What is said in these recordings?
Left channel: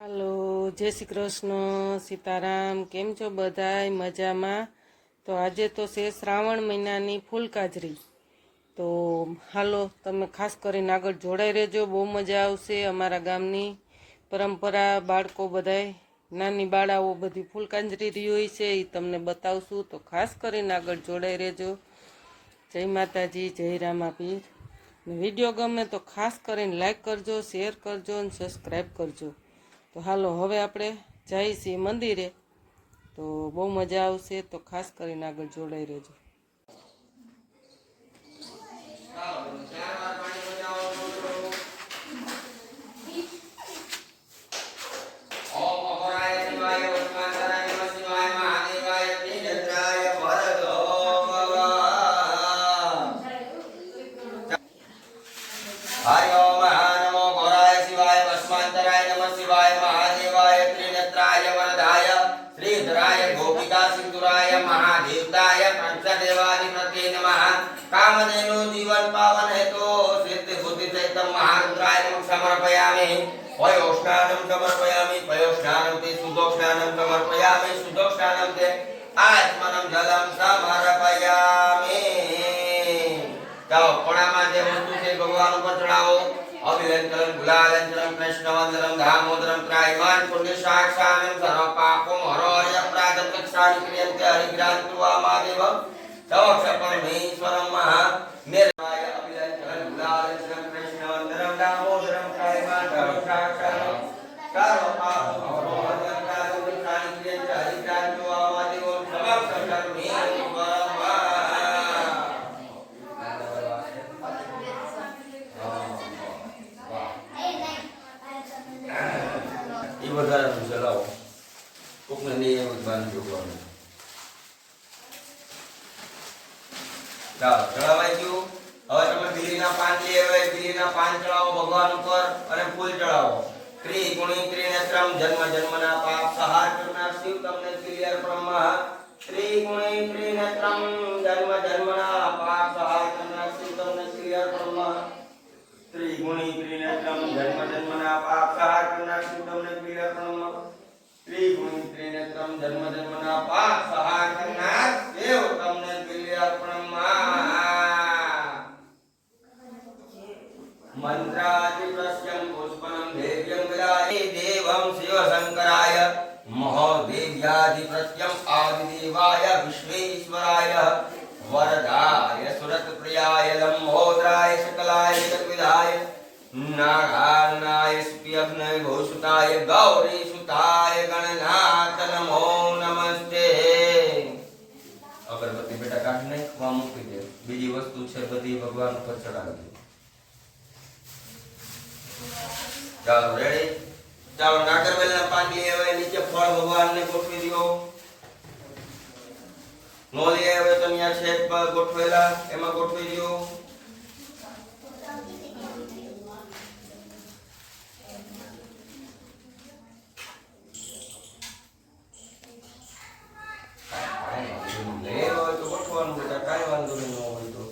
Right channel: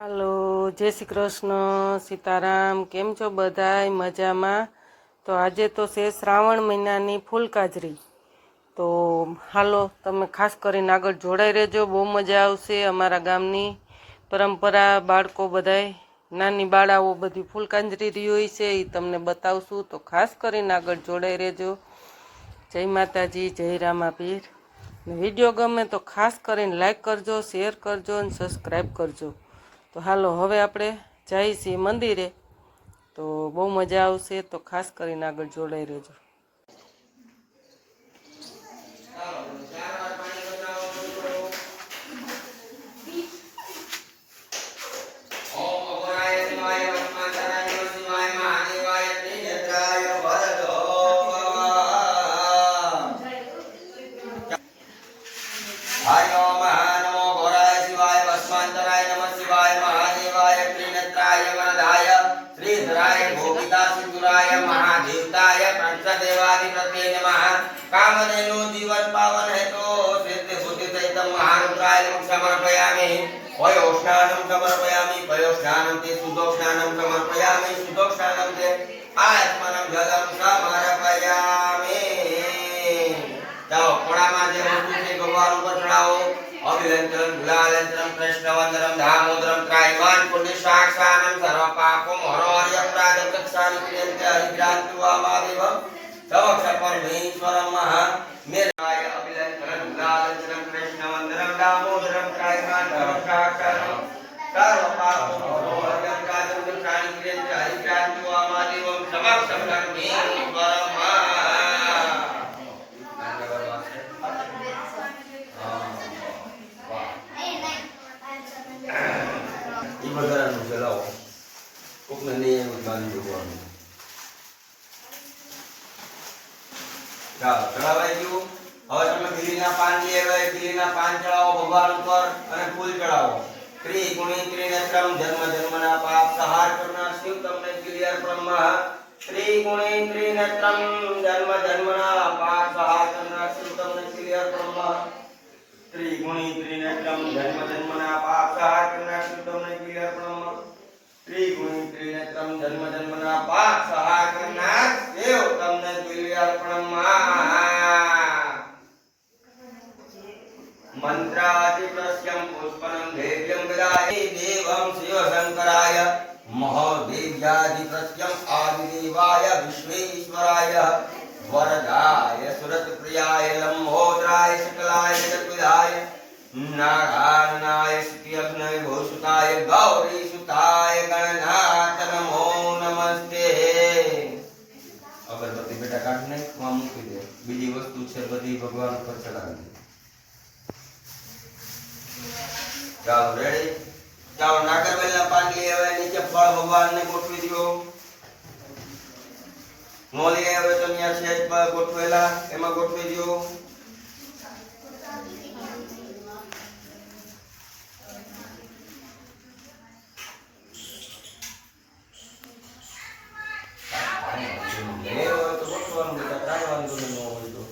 હાલો, જય શ્રી કૃષ્ણ, સીતારામ, કેમ છો બધાય? મજામાં? તો આજે તો છે શ્રાવણ મહિનાની ફૂલકાજરી. તો હાલો, તમે ખાસ કરીને આગળ જોડાઈ રહેજો, બહુ મજા આવશે અમારા ગામની પરંપરા, બાળકો બધાય. નાની બાળાઓ બધી ફૂલકાંજરી રહી છે એ તમને બતાવશું. તો ખાસ કરીને આગળ જોડાઈ રહેજો. જય માતાજી, જય રામાપીર. વીડિયો ગમે તો ખાસ કરીને લાઈક કરજો, શેર કરજો અને સબસ્ક્રાઈબ કરજો. તો હાલો, હવે આપણે જઈશી મંદિરે. તો બહુ મજા આવશે, તો ખાસ કરીને આગળ જોડાઈ રહેજો. છે ભગવાન ઉપર ચડાવો અભિલંતરમ ગુલાલંતરમ કૃષ્ણવંદનમ દામોદરમ ત્રાયમાન પુણ્ય સાક્ષાનમ સર્વ પાપો હરો કક્ષામિ ક્રિયંતે હરિગ્રાંતુ વામાદેવમ તવક્ષ પરમેશ્વરમ મહા મેરાય અભિલંતરમ ગુલાલંતરમ કૃષ્ણવંદનમ દામોદરમ ત્રાયમાન સર્વ સાક્ષાનમ સર્વ પાપમ હરો હરિયપરાધમ કક્ષામિ ક્રિયંતે હરિગ્રાંતુ વામાદેવમ તવક્ષ પરમેશ્વરમ મહા ઈ વધારાનું ચલાવો કોકને નહીં એવું જ ચાલો ચડાવાઈ ગયું હવે તમે બીલીના પાન લઈ આવ્યા બીલીના પાન ચડાવો ભગવાન ઉપર અને ફૂલ ચડાવો ત્રી ગુણી ત્રિનેત્રમ જન્મ જન્મના પાપ સહાર કરનાર શિવ તમને ક્લિયર બ્રહ્મ ત્રી ગુણી ત્રિનેત્રમ જન્મ જન્મના પાપ સહાર કરનાર શિવ તમને ક્લિયર બ્રહ્મ ત્રિગુણી ત્રિનેત્રમ જન્મ જન્મના પાપ સહાર કરનાર શિવ તમને ક્લિયર બ્રહ્મ ત્રિગુણી ત્રિનેત્રમ જન્મ જન્મના પાપ મહોદેવ્યાધિપ્રસ્યમ આદિદેવાય વિશ્વેશ્વરાય વરદાય સુરતપ્રિયાય લંબોદરાય શકલાય જગતવિદાય નાગાનનાય સ્ત્રીઅગ્નય ભૂષુતાય ગૌરીસુતાય ગણનાથ નમો નમસ્તે અગરબત્તી બેટા કાઢી નાખ માં મૂકી દે બીજી વસ્તુ છે બધી ભગવાન ઉપર ચડાવી દે ચાલો રેડી ચાલો નાગરવેલના પાન લઈ હવે નીચે ફળ ભગવાનને ગોઠવી દો નો લઈ આવે તો અહીંયા છેક ગોઠવેલા, એમાં ગોઠવી દો લેવો હોય તો ગોઠવવાનું બેટા કાંઈ વાંધો નહીં ન હોય તો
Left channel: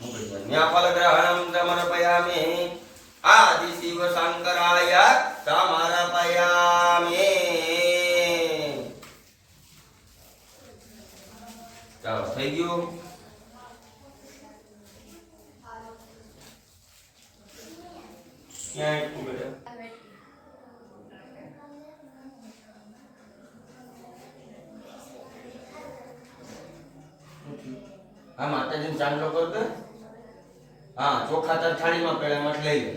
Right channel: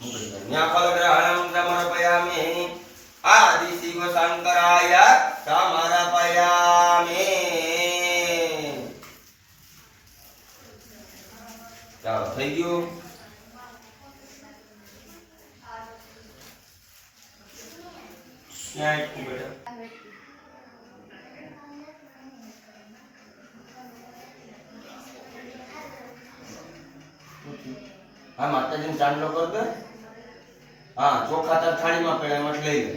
મૂકી દો. ન્યા ફલગ્રહણમ સમર્પયામિ આદિ શિવ શંકરાય સમર્પયામિ ચાલો થઈ ગયું ક્યાં એટલું બેટા હા, માતાજીને ચાંદલો કર દે હા, ચોખા તાર થાળીમાં પડ્યા, એમાં લઈ લે.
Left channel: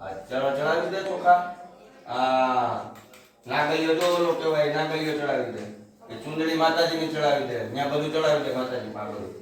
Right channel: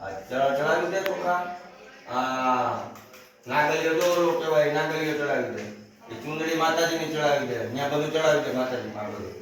હા ચલો ચડાવી દે ચોખા? હા, નાગલીઓ જો કહેવાય નાગલીઓ ચડાવી દે. એ ચુંદડી માતાજીને ચડાવી દે. ત્યાં બધું ચડાવી દે માતાજી માં બધું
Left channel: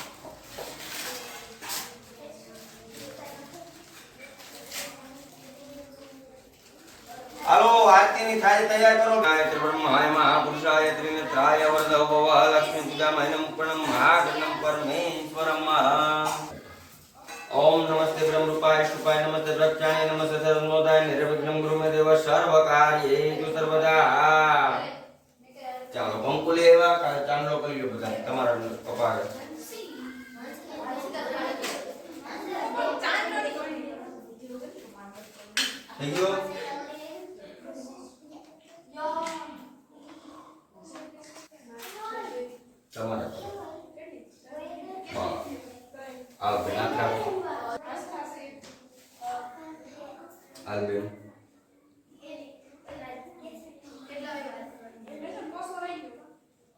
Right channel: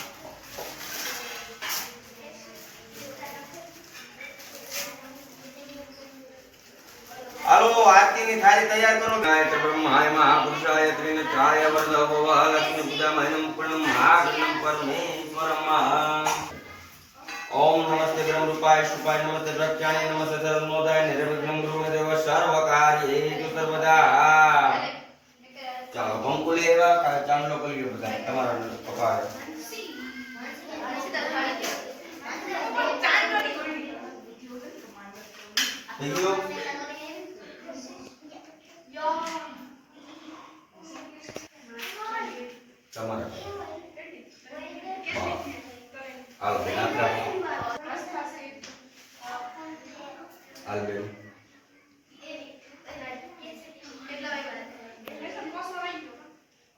હાલો, આરતીની થાળી તૈયાર કરો. ગાયત્ર બ્રહ્માય, મહાપુરુષાય, ત્રિનેત્રાય, વરદવ લક્ષ્મી પૂજામયમ પૂર્ણમ મહાગણમ, પરમેશ્વરમ. ઓમ નમસ્તે બ્રહ્મરૂપાય, શુપાય નમસ્તે પ્રત્યાય નમસ્તે સર્વનોદાય નિર્વિઘ્નમ ગુરુમે દેવ સર્વકાર્યેષુ સર્વદા. ચાલો બંકુલે એવા ચાંદલો કરી બધા તમારા કપાળે થઈ ગયું તમારા હા. હાલો બેન હાલ બેન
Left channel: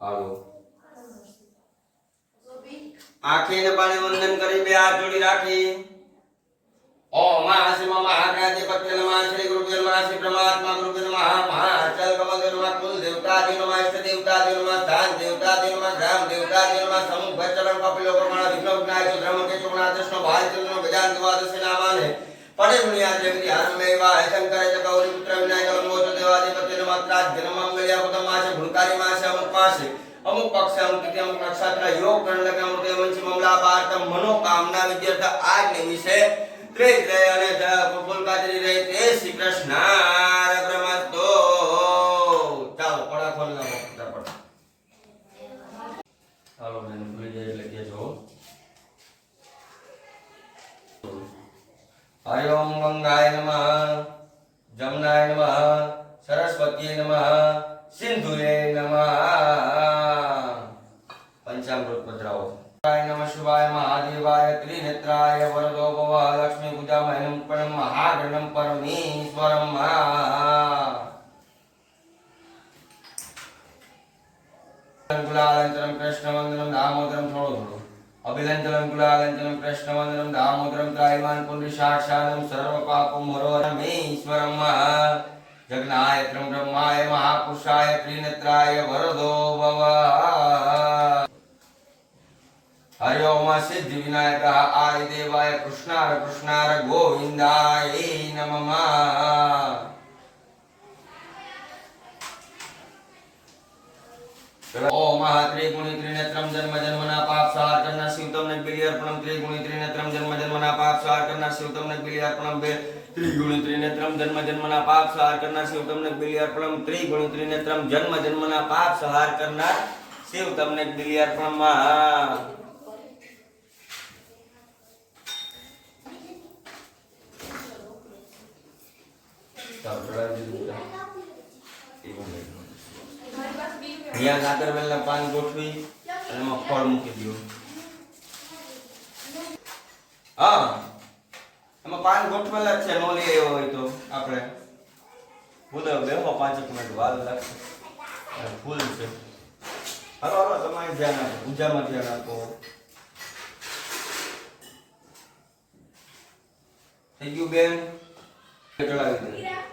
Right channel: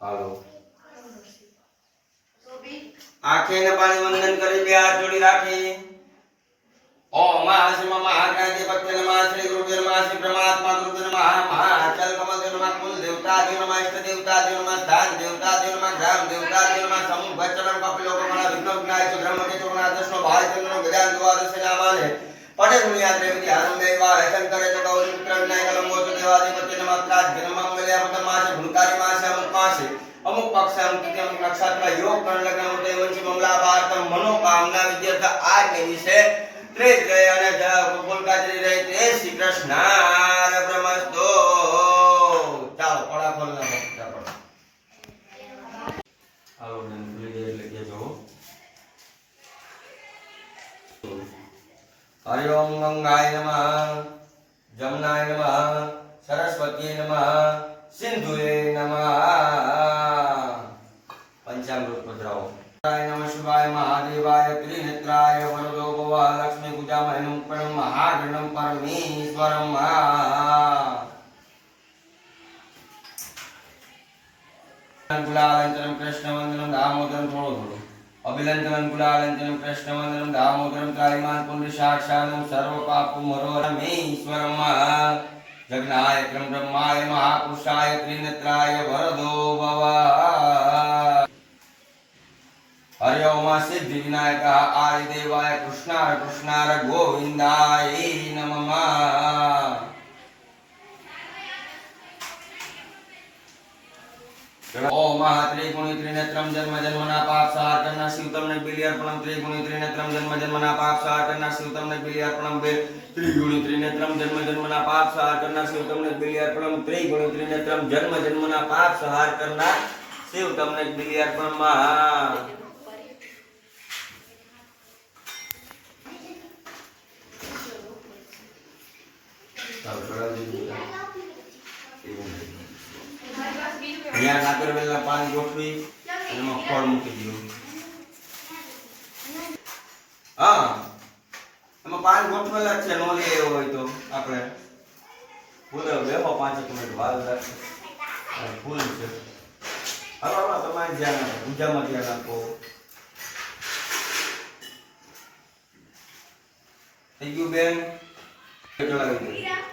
હાલો આંખે ને પાણી વંદન કરી બે હાથ જોડી રાખી? ઓમ મહાશિવ મહાગ્રાધિપત્ય નમઃ શ્રી ગુરુદેવ નમઃ શ્રી પરમાત્મા ગુરુદેવ નમઃ મહાચલ કમલ દેવ નમઃ, કુલ દેવતા દેવ નમઃ ઇષ્ટ દેવતા દેવ નમઃ ધાન દેવતા દેવ નમઃ ગ્રામ દેવતા દેવ નમઃ સમૂહ કમળ વિઘ્ન વિનાયક ધર્મ કે ચોણા દશનો ભારતીય ગજાન દ્વાદશ નામાને પડે મુનિયા દેવતી આરંભે વા હેતન કરે તો ગૌરી પુત્ર વિનાયક લંબોચ દેવાધિપત્ય નમઃ પ્રાજ જન્મ મંગલ્યા પદમ માસે ભૂલકારી માસે અમુક માસે અમુક પક્ષ અમુક તિથિ અમુક નક્ષત્ર યોગ ગણ લગ્ન અમુક વંશી મમલા ભારતમ મનોકામના વિદ્યાર્થ આજને વિશે ત્રેજ રહે અને ગોકુલ કાજરી રહે તે શ્રી કૃષ્ણ બ્રહ્મસ્તો ચાલો પડા ખોલ ના ફટાફટ હાલો બેન ભૂલી જાય એટલે કહેજો હો. હરિ ઓમ ગંગાય નમઃ જમનાય નમઃ સરસ્વતી નમઃ સિંધુએ નમઃ પંચામૃત પધરાવો શિવાય મહાદેવાય ત્રિનેત્રાય વરદો ભવ લક્ષ્મી પૂજામયનું પણ મહાગણમ પરમેશ્વરમ ગુલાલંતરમ કૃષ્ણવંદનમ દામોદરમ થોડો થોડો અભિલંતરમ ગુલાલંદનમ કૃષ્ણવંદનમ દામોદરમ ત્રાયમાન પુંડ સાક્ષાનમ સર્વ પાપમ હરોરમે ઈશ્વરમ જગનાય ક્રમ બ્રહ્માય મહાપુરુષાય ત્રિનેત્રાય વરદો ભવ હરિ ઓમ સિદ્ધિ વિનાયક આય દેવાય કૃષ્ણાર કૃષ્ણાર ગોવિંદાય નમઃ ઓમ ત્રિગુણી ત્રિનેત્રમ જન્મ જન્મના પાપ સહાર કરનાર શિવ તમને બિલી અર્પણમ ત્રિગુણી ત્રિનેત્રમ જન્મ જન્મના પાપ સહાર કરનાર શિવ તમને બિલી અર્પણમ બે ત્રિગુણી ત્રિનેત્રમ જન્મ જન્મના પાપ સહાર કરનાર શિવ તમને બિલી અર્પણમ ત્રિગુણી ત્રિનેત્રમ જન્મ જન્મના પાપ સહાર કરનાર શિવ તમને બિલી અર્પણમ અહીંયા નાગરવેલના પાન ગોઠવી અને એમાં ફળ મૂકી દીધું. હા, એમાં પાન ગોઠવેલા છે નો લે એવો હોય તો આપણે. ભૂલે બેહો પાંચેક મિનિટ વાર રાખશે ફૂલ છે. હલો હલો, તમારે ધ્યાન આપો, પૂજામાં ધ્યાન આપો. થઈ ગયું બેન? ચડાવી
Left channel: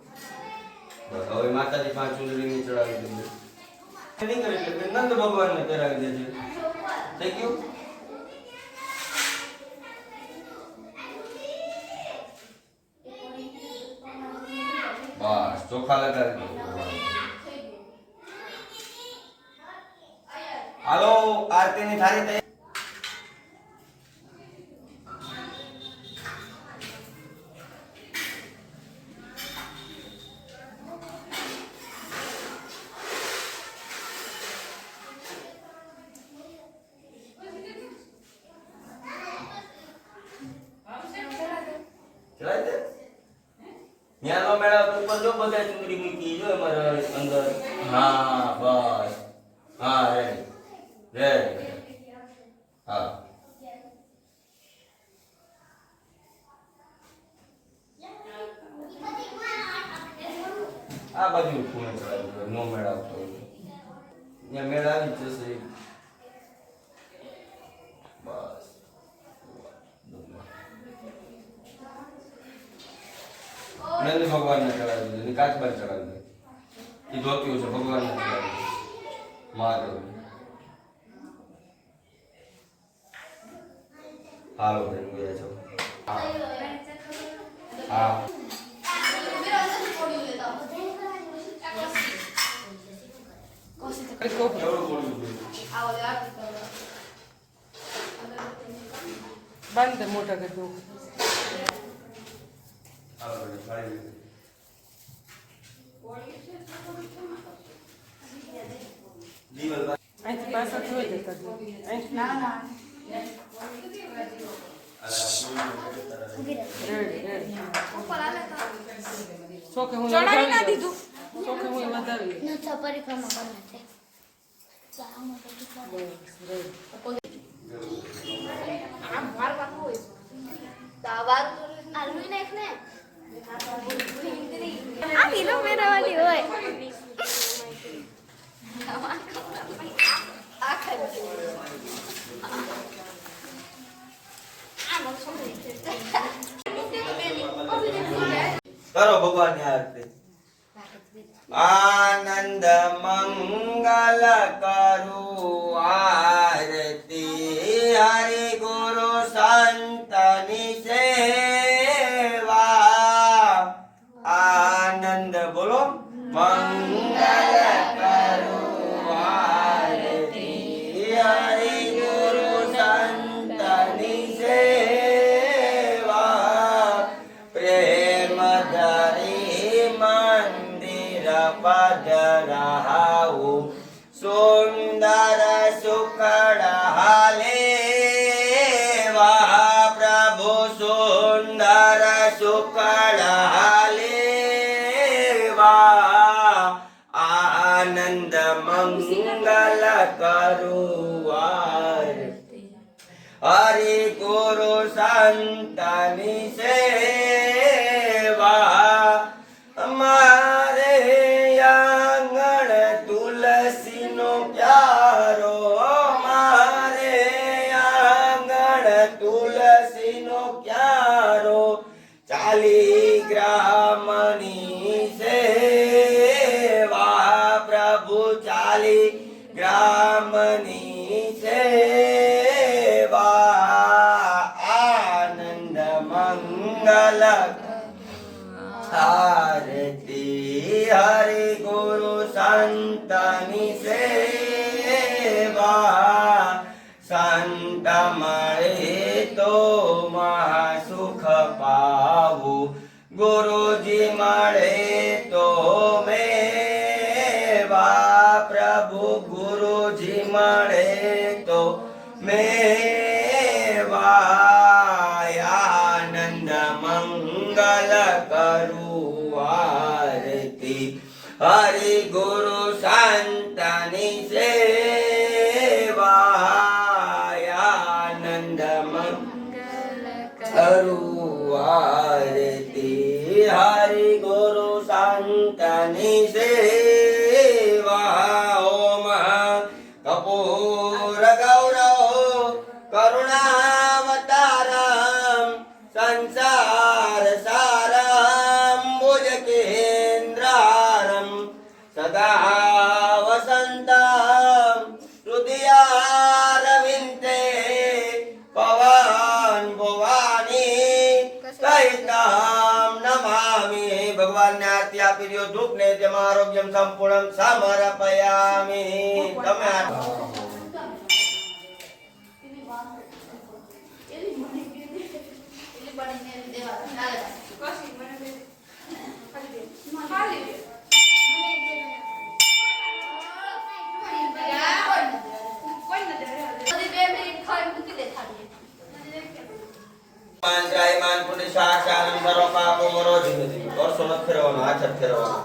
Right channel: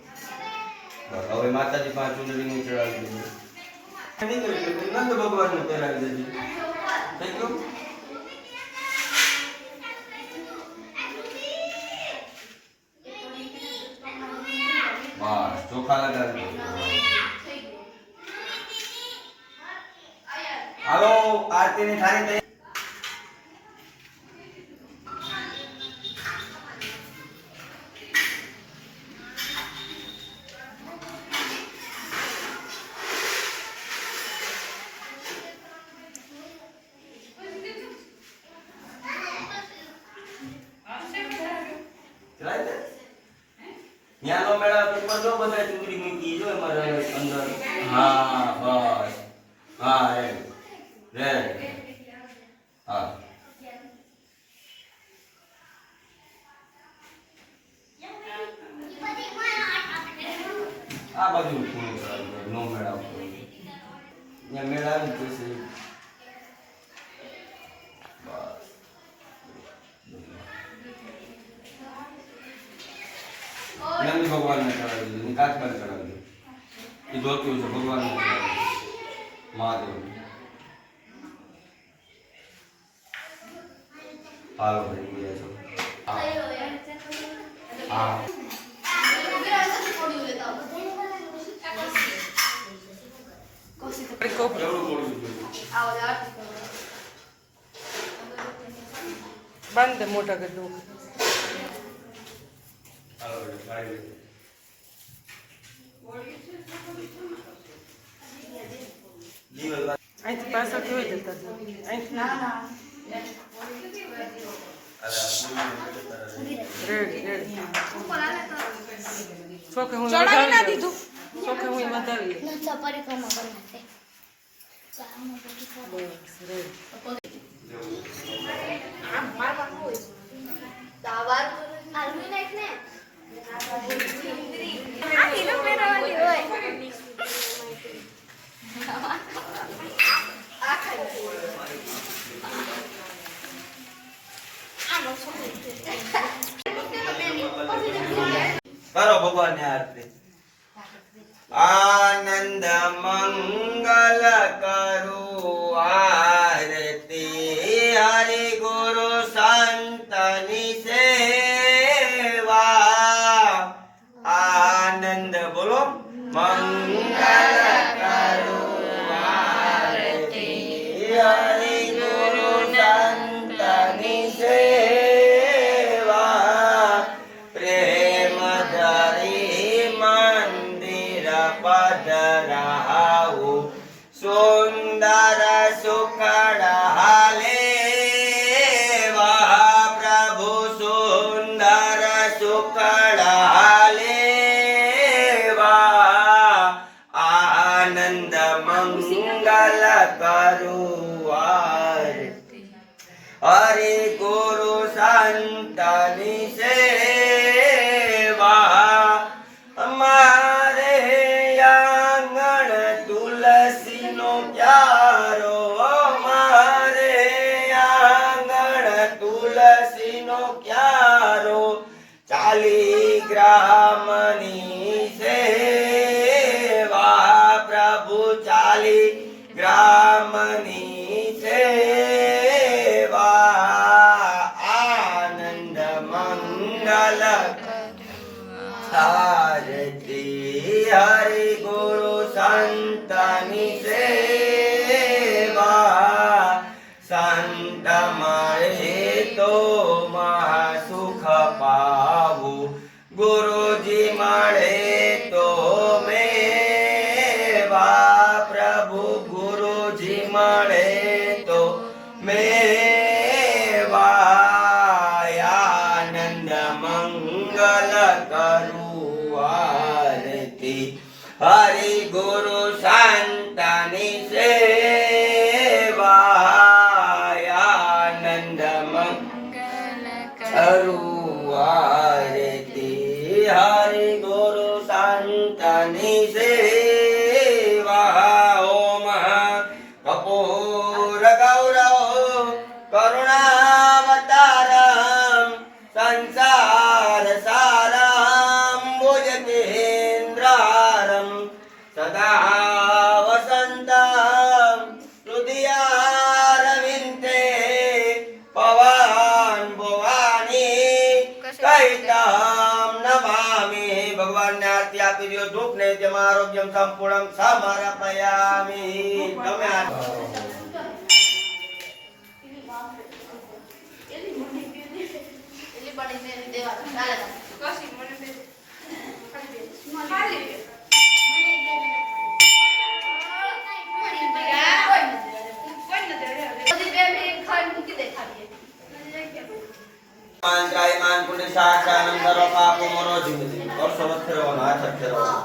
હવે માતાજી પાંચ ચૂંદડી ચડાવી દેજે નીકળે એટલે નંદ ભગવાન ને પહેરાવી દેજે. થઈ ગયું? બસ ચોખા લગાવી હાલો આરતીની થાળી આ બાજુ પૂરું કરાવવું નો મેળવતો ત્યાં મેળાવી પછી બસ નંદ ભગવાનને ચડાવી દીધું ને કાચબાને ચડાવી દીધું એ ધોત્યું છે ભગવાનને ચડાવી દીધું મહાદેવ હાલો ભાઈ ગયા છો હા બાંધ મોટા ગઢું અહીંથી પાછળથી હોય જતા. અહીંથી રેડી હું લગાવી દઉં. સોકે હું વધાવી પરિક્રમા આલુ નાખ ને આ હીરો મેરાવાની હોય આ ખાઈ કરો ભગવાનની આરતી આનંદ મંગલ કરું આરતી હરિ canta mi ser. 아. કરુણાવતારમ સંસાર સારમ ભુજ કેન્દ્રારમ સદા વસંતમ હૃદયારવિંદે પવન ભવાની કૈતામ નમામિ ભગવાનને આરતી આપી દો ધૂપ ને તેમાં આરોગ્યમ સંપૂર્ણ સમર્પયામિ તમે pero